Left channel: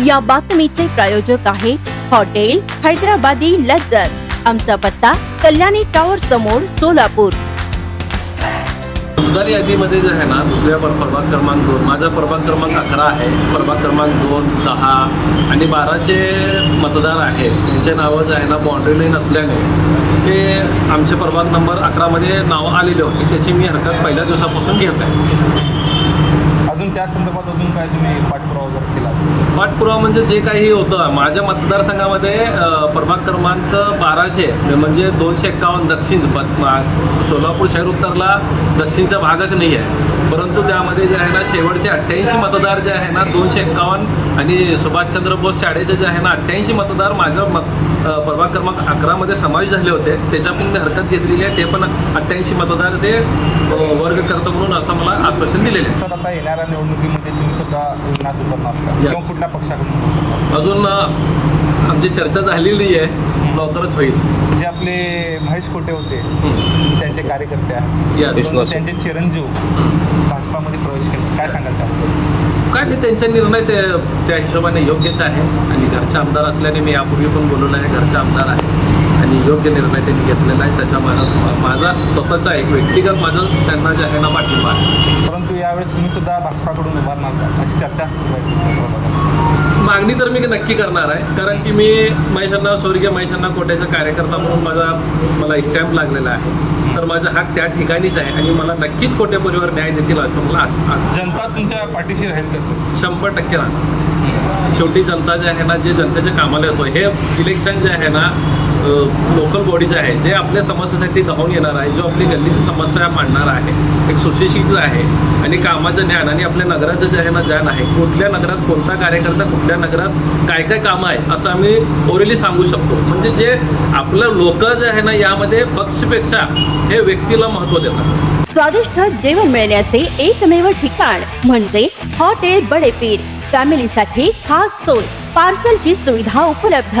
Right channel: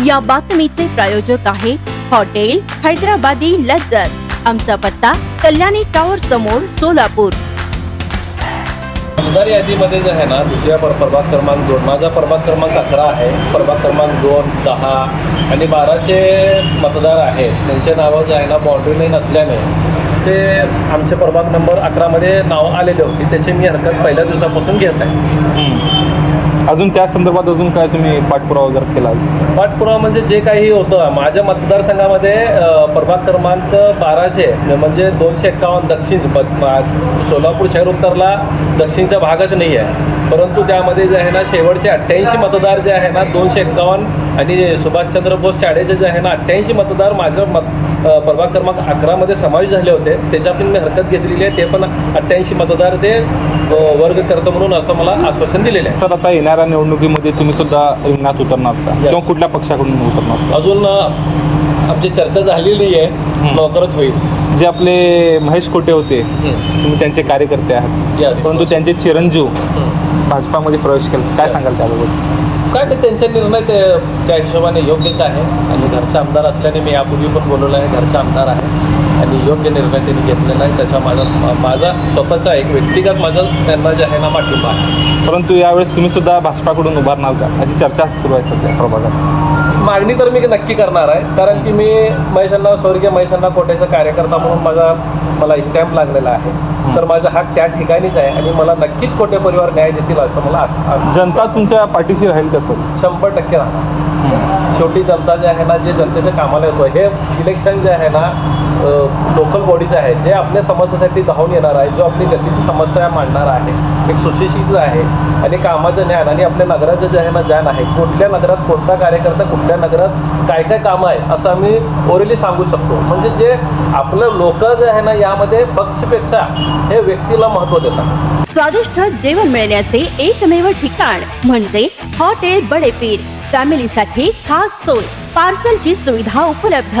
या बातमीचे प्रायोजक आहे हॉटेल हैदराबादी लज्जत आमचा पत्ता कल्याणी टॉवर समोर सोलापूर. मतदार यादीमध्ये जे आहे ना दुसऱ्या पर प्रभाग क्रमांक दोन माझा प्रभाग क्रमांक अकरा आहे. प्रभाग क्रमांक दोन दहा आणि बाराचे मतदार आहेत. त्यांचे नावं जे आहे ना बाउंड्री लाईन असल्याने ते आमचे प्रभाग नंबर अकरामध्ये नाव आलेले होते. त्याची मी हरकत पहिल्या दिवसापासून घेत आहे. अजून त्या संदर्भात अजून काय तुम्ही पाठपुरावा जर केला पाठपुरावा म्हणजे जे काही होतं माझ्या मतदारसंघामध्ये प्रभाग क्रमांक बाराशे म्हणजे, म्हणजे दोनशे एक्कावन्न दक्षिण सोलापूर शहर उत्तरला दक्षिणचा भागच नाही आहे. परंतु त्यामध्ये जे आहे ना शेवटचे अठ्ठ्याऐंशी मतदार जे आहे ना दोनशे एक्कावन्न आणि सुभाषचंद्र बोस शाळेचे जे आहे ना अठ्ठ्याऐंशी मतदार माझं मत प्रभाग क्रमांक अकरामध्ये समावेश झाले होते. त्याच्यातून मी हरकत घेतलेली आहे. ते पण अठ्ठ्याऐंशी मतदार ते वर्ग करतं म्हणून असं मला आश्वासन दिलेलं आहे. सर आता येणाऱ्या निवडणुकीमध्ये तुम्ही सुद्धा रिंगणात उतरणार का. किंवा कुठल्या पक्षाकडून उतरणार? अजून आमची चर्चा झालेली आहे. लवकरच होईल. जे आपले महेश कोटे होते. तुम्ही त्यांचे कार्यकर्ते आहात. Yes. परंतु त्यांचे चिरंजीव. भाजपामध्ये प्रवेश केला. काय सांगाल त्याबद्दल? काय नाही त्यांचे निर्णय ते त्या हिशोबाने योग्यच आहे. आणि घरचे आमदार असल्याने मी यापूर्वी पण बोलवलं आहे घरचे आमदार आहे आणि योग्य निर्णय त्यांनी घेतलेला आहे. त्याचा माझा माझा स्वतःचा एक व्यक्तिगत माझा त्यांना जे आहे ना पाठिंबा आहे. परंतु यावेळेस तुम्ही सुद्धा भाजपाकडून उभारणार का? अशी चर्चा सुरू आहे सध्या प्रभागात. मागणी तर मी नक्की करणार आहे. कारण की मी महेशांना स्वर्गीय महेशांना कोट्याचा कार्यकर्ता म्हणून माझा मला स्टॅम्प लागलेला आहे. तर माझा हक त्या ठिकाणीच आहे आणि मला नक्कीच कोटे परिवार न्याय देतील असं मला जनता तुमच्या पाठीशी राहील का सर शंभर टक्के राहणार. शेवटी जनता जे आहे ना जे जनतेच्या कामाला येतो हे इलेक्शन जे आहे ना लोकल बॉडीज आहे जे आपल्या समस्येसाठी धावून येणार आहे जो आपली गल्लीची समस्या मांडणार आहे एक सुशिक्षित आहे आणि कामाचं ज्ञान आणि आपल्या नगराचं जे आहे ना ज्ञान आहे कुठल्या नगरात कोणता कार्यकर्ता कुठल्या नगरात काय काय कामं आहे असं आम्ही ओरेली सांगू शकतो. म्हणजे जे आपलं लोक जे आहे ना यामध्ये पक्षपेक्षा हे व्यक्तीला महत्त्व देतात. स्वादिष्ट जेवण मिळण्याचे एकमेव ठिकाण म्हणजे हॉटेल बडेपीर. फॅमिलीसाठी खास सोय पार्सलची सुविधा उपलब्ध.